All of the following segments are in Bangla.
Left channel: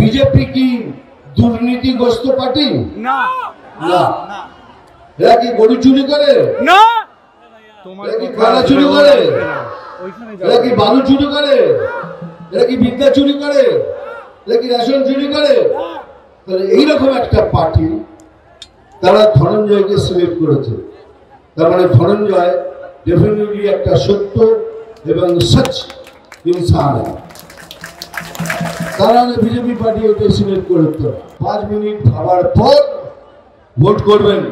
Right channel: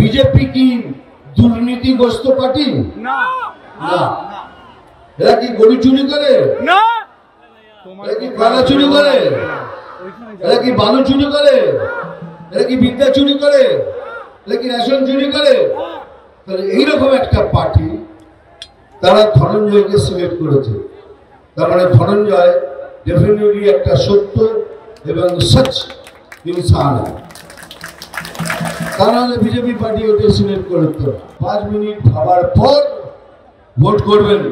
বিজেপি কি দুর্নীতিগ্রস্ত পার্টি? না না। এরা কি গরু চুরি করে? না। এরা কি কয়লা চুরি করে? এরা কি বালু চুরি করে? এরা কি বিদ্যা চুরি করে? এরা কি রেশন চুরি করে? তাহলে এইরকম একটা পার্টি তারা ধনঞ্জয়কে সিলেক্ট করেছে। তার মানে ধনঞ্জয় ডেফিনেটলি একটা সত্য এবং সচ ইনসান। তারা বিজেপি পার্টি ওটা সিলেক্ট করতো। 5 মিনিট ভাবার পর ভোট করবেন,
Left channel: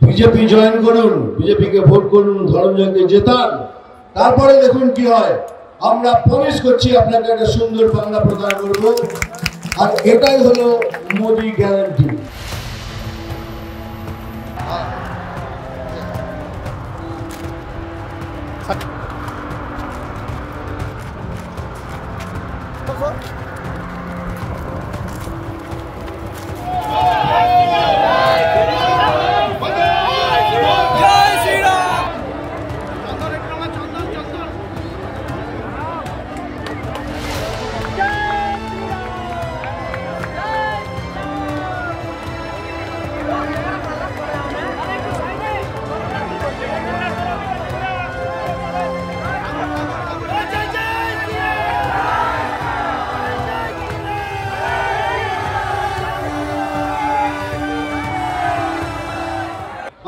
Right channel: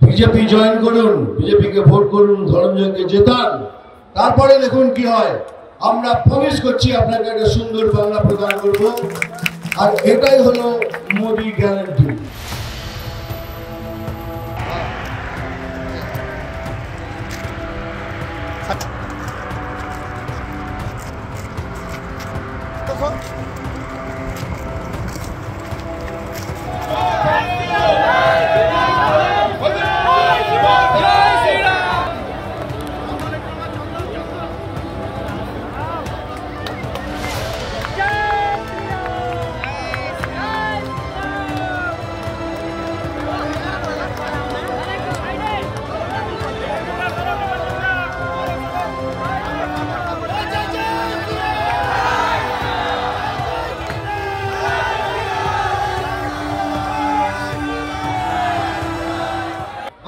বিজেপি জয়েন করুন, বিজেপিকে ভোট করুন, ধনঞ্জয়কে জেতান, তারপরে দেখুন কি হয়। আমরা প্রমিস করছি আপনাকে একটা সুন্দর বাংলা প্রদান করব, আর এটাই হলো মোদি গ্যারান্টি।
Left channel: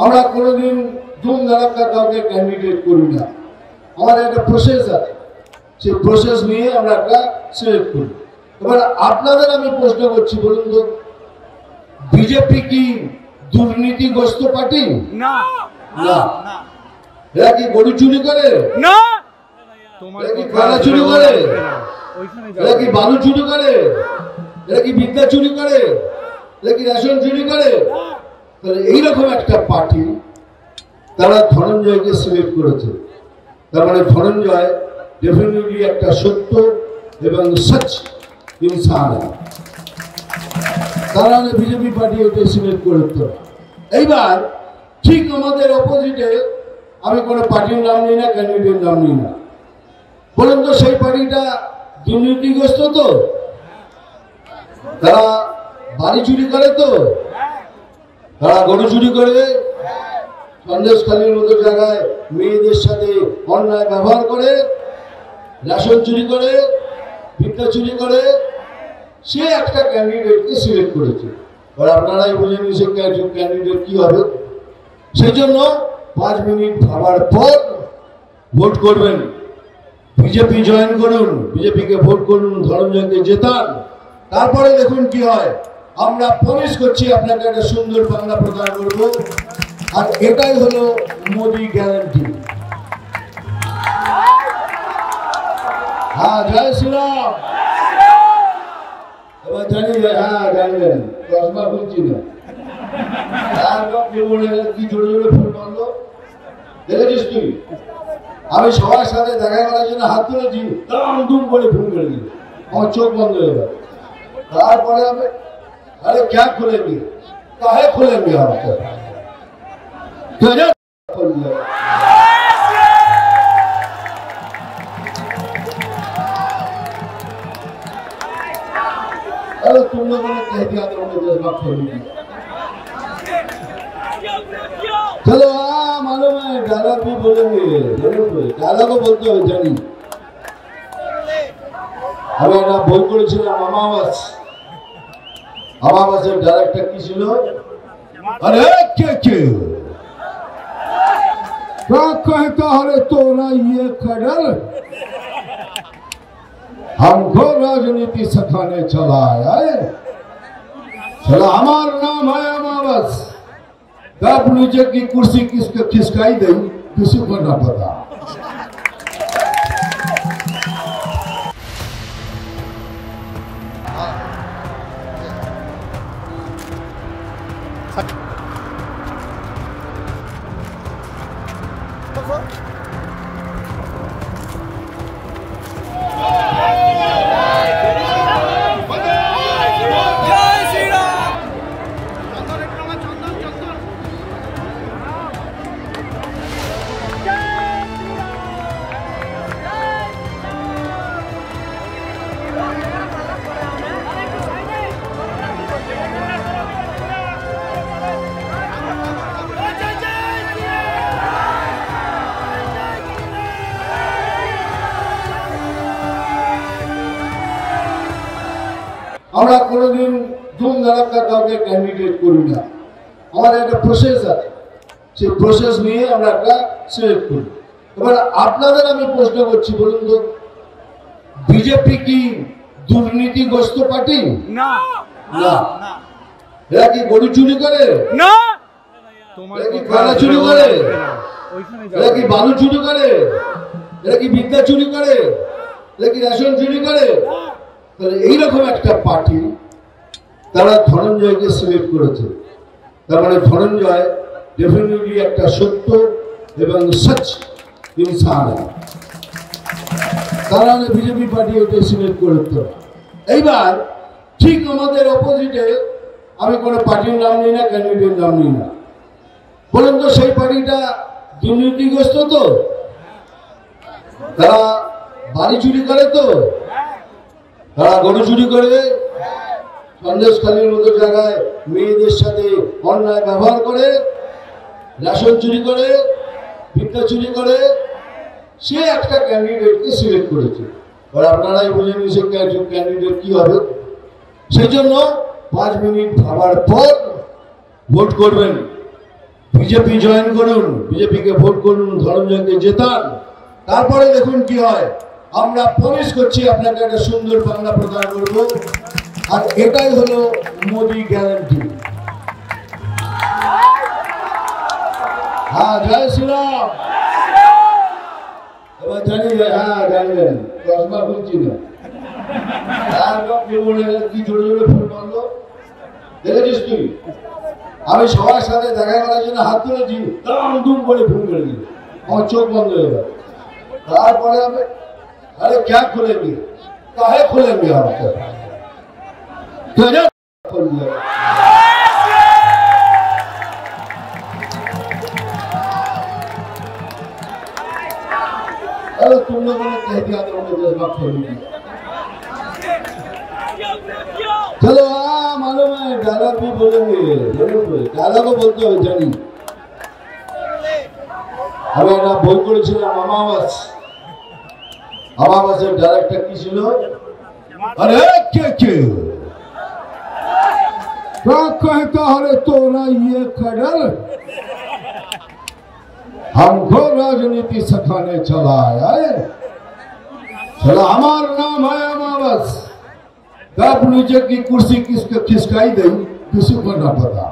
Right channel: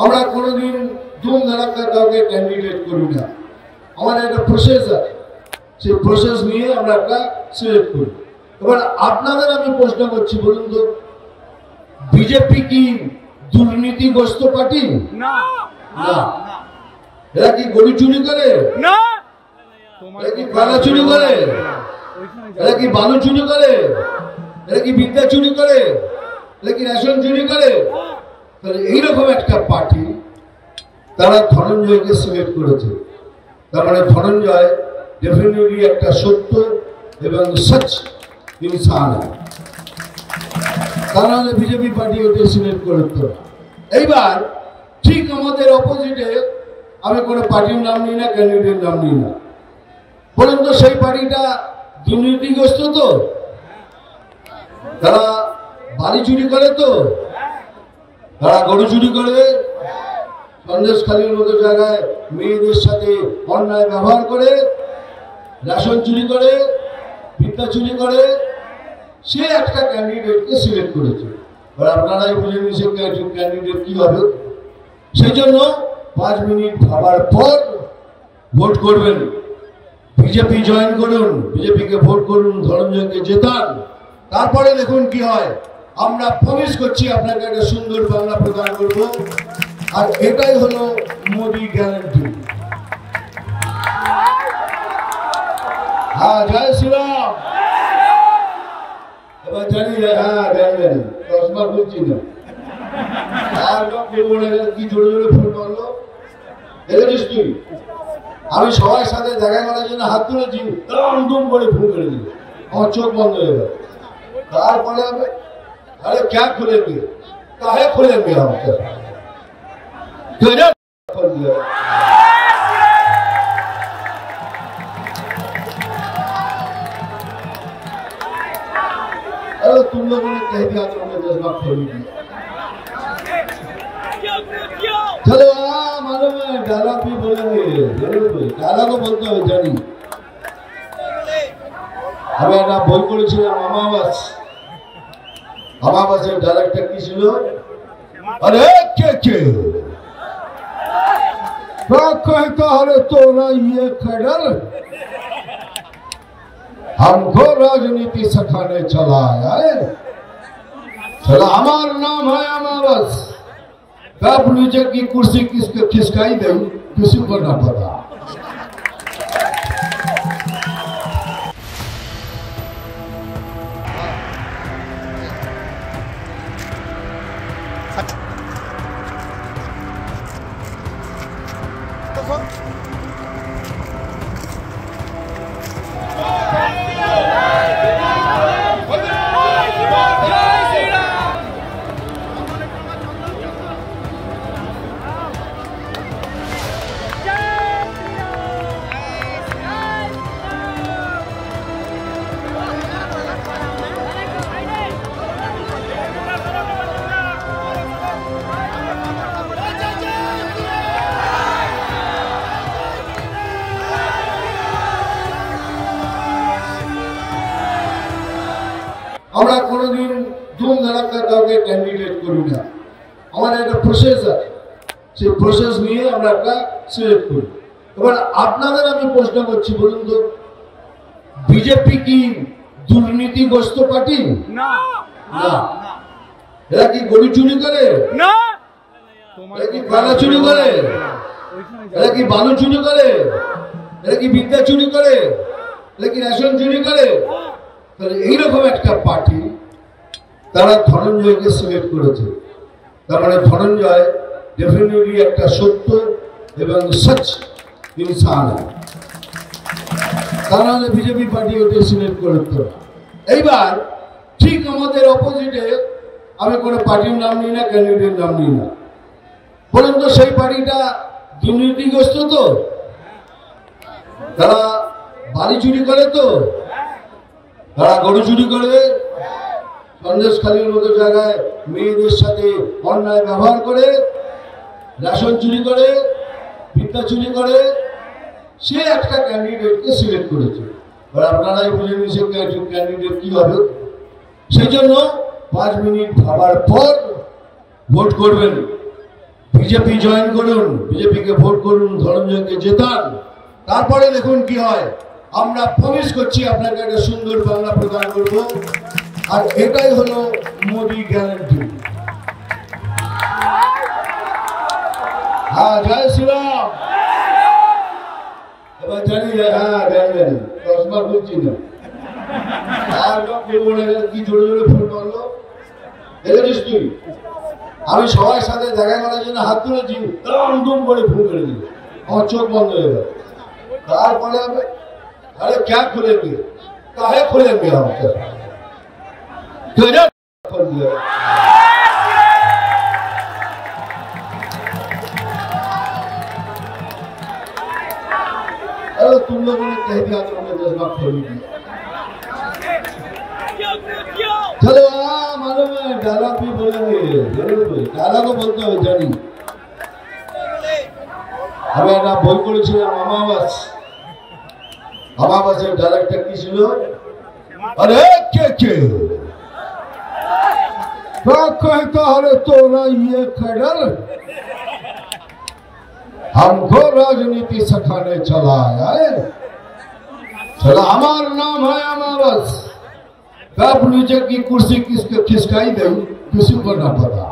আমরা কোনোদিন ধুম ধারাক্কা কাউকে ক্যান্ডিডেট করি না। আমাদের একটা প্রসেস আছে, সেই প্রসেস নিয়ে আমরা একটা সিলেক্ট করি। এবার আপনাদের আমি প্রশ্ন করছি, বলুন তো, বিজেপি কি দুর্নীতিগ্রস্ত পার্টি? না। না। এরা কি গরু চুরি করে? না। এরা কি কয়লা চুরি করে? এরা কি বালু চুরি করে? এরা কি বিদ্যা চুরি করে? এরা কি রেশন চুরি করে? তাহলে এইরকম একটা পার্টি তারা ধনঞ্জয়কে সিলেক্ট করেছে। তার মানে ধনঞ্জয় ডেফিনেটলি একটা সত্য এবং সচ ইনসান। তারা বিজেপি পার্টি ওটা সিলেক্ট করতো। এইবার ঠিক আমাদের অপোজিটে, আমি কোনো পার্টির নাম নিই না, ক্যান্ডিডেটের নাম নিই না, বলুন তো সেই পার্টিটা দুর্নীতিগ্রস্ত তো? তারা বাড়ি চুরি করে তো? তারা গরু চুরি করে? সন্দেশখালীর মতো জায়গায় মেয়েদের সাথে অন্যায় ব্যবহার করে, রেশন চুরি করে, বিদ্যা চুরি করে? সে একটা ক্যান্ডিডেটকে সিলেক্ট করেছে। আর আপনারাই বলে সে ক্যান্ডিডেট কি হবে। সেই জন্য 5 মিনিট ভাবার পর ভোট করবেন, বিজেপি জয়েন করুন, বিজেপিকে ভোট করুন, ধনঞ্জয়কে জেতান, তারপরে দেখুন কি হয়। আমরা প্রমিস করছি আপনাকে একটা সুন্দর বাংলা প্রদান করব, আর এটাই হলো মোদি গ্যারান্টি। হ্যাঁ, জয় শ্রীরাম। এবার জানি, হ্যাঁ জানি জানি, চশমা বলছি না, কি জোরে জোরে ফোন করলো দেখেছিস তুই? আমি সবার সাথে দেখা করার জন্য হাত তুলেছি, দুম করে ফোন করে দিল, আমার চোখ বন্ধ হয়ে গেল। তারপরে আমি, अरे क्या खुलेंगे, काहे खुलेंगे हम तो, खोल दिया। अरे तुम लोगों ने कह दिया तो मैं जज्बा खोलूंगी। चलो मालूम है, डायलॉग भी बोलेंगे, डायलॉग बोलते हो जानी। আমি একটা বই পড়েছিলাম, আমাবাসের ডাইরেক্টর কি ছিল? अरे के कहता है तोरा ये खडर हमको राजनीति सिखाने चला है। चलो, हमारा नाम है अमावस। कब नीचे की कुर्सी किसके खिसकाई गई किसी को न पता। আমরা কোনোদিন ধুম ধারাক্কা কাউকে ক্যান্ডিডেট করি না। আমাদের একটা প্রসেস আছে, সেই প্রসেস নিয়ে আমরা একটা সিলেক্ট করি। এবার আপনাদের আমি প্রশ্ন করছি, বলুন তো, বিজেপি কি দুর্নীতিগ্রস্ত পার্টি? না। এরা কি গরু চুরি করে? না। এরা কি কয়লা চুরি করে? এরা কি বালু চুরি করে? এরা কি বিদ্যা চুরি করে? এরা কি রেশন চুরি করে? তাহলে এইরকম একটা পার্টি তারা ধনঞ্জয়কে সিলেক্ট করেছে। তার মানে ধনঞ্জয় ডেফিনেটলি একটা সত্য এবং সচ ইনসান। তারা বিজেপি পার্টি ওকে সিলেক্ট করতে। এইবার ঠিক আমাদের অপোজিটে আমি কোনো পার্টির নাম নিই না, ক্যান্ডিডেট নাম নিই না, বলুন তো সেই পার্টিটা দুর্নীতিগ্রস্ত তো? তারা বাড়ি চুরি করে তো? তারা গরু চুরি করে? সন্দেশখালীর মতো জায়গায় মেয়েদের সাথে অন্যায় ব্যবহার করে, রেশন চুরি করে, বিদ্যা চুরি করে, সে একটা ক্যান্ডিডেটকে সিলেক্ট করেছে। আর আপনারাই বলে সে ক্যান্ডিডেট কি হবে। সেই জন্য 5 মিনিট ভাবার পর ভোট করবেন, বিজেপি জয়েন করুন, বিজেপিকে ভোট করুন, ধনঞ্জয়কে জেতান। তারপরে দেখুন কি হয়। আমরা প্রমিস করছি আপনাকে একটা সুন্দর বাংলা প্রদান করব, আর এটাই হলো মোদি গ্যারান্টি। হ্যাঁ, জয় শ্রীরাম। এবার জানি, হ্যাঁ জানি, চশমা বলছি না, কি জোরে জোরে ফোন করলো দেখেছিস তুই? আমি সবার সাথে দেখা করার জন্য হাত তুলেছি, দূর করে ফোন করে দিল, আমার চোখ বন্ধ হয়ে গেল। তারপরে আমি, अरे क्या खोलेंगे, काहे खोलेंगे हम? खोल दिया। अरे तुम लोगों ने कह दिया तो मैं जज्बा खोलूंगी। चलो हाँ, मालूम है डायलॉग भी बोलेंगे, डायलॉग बोलते हो जानी। हमें ना बोल করেছিলাম আমাবাস। আমাবাসের ডাইরেক্টর কি ছিল? अरे के कहता है तो ना ये खडल हमको राजनीति सिखाने चला आया है। चलो हमारा नाम है अमावस। कब नीचे की कुर्सी किसके खिसकाई गई किसी को ना पता।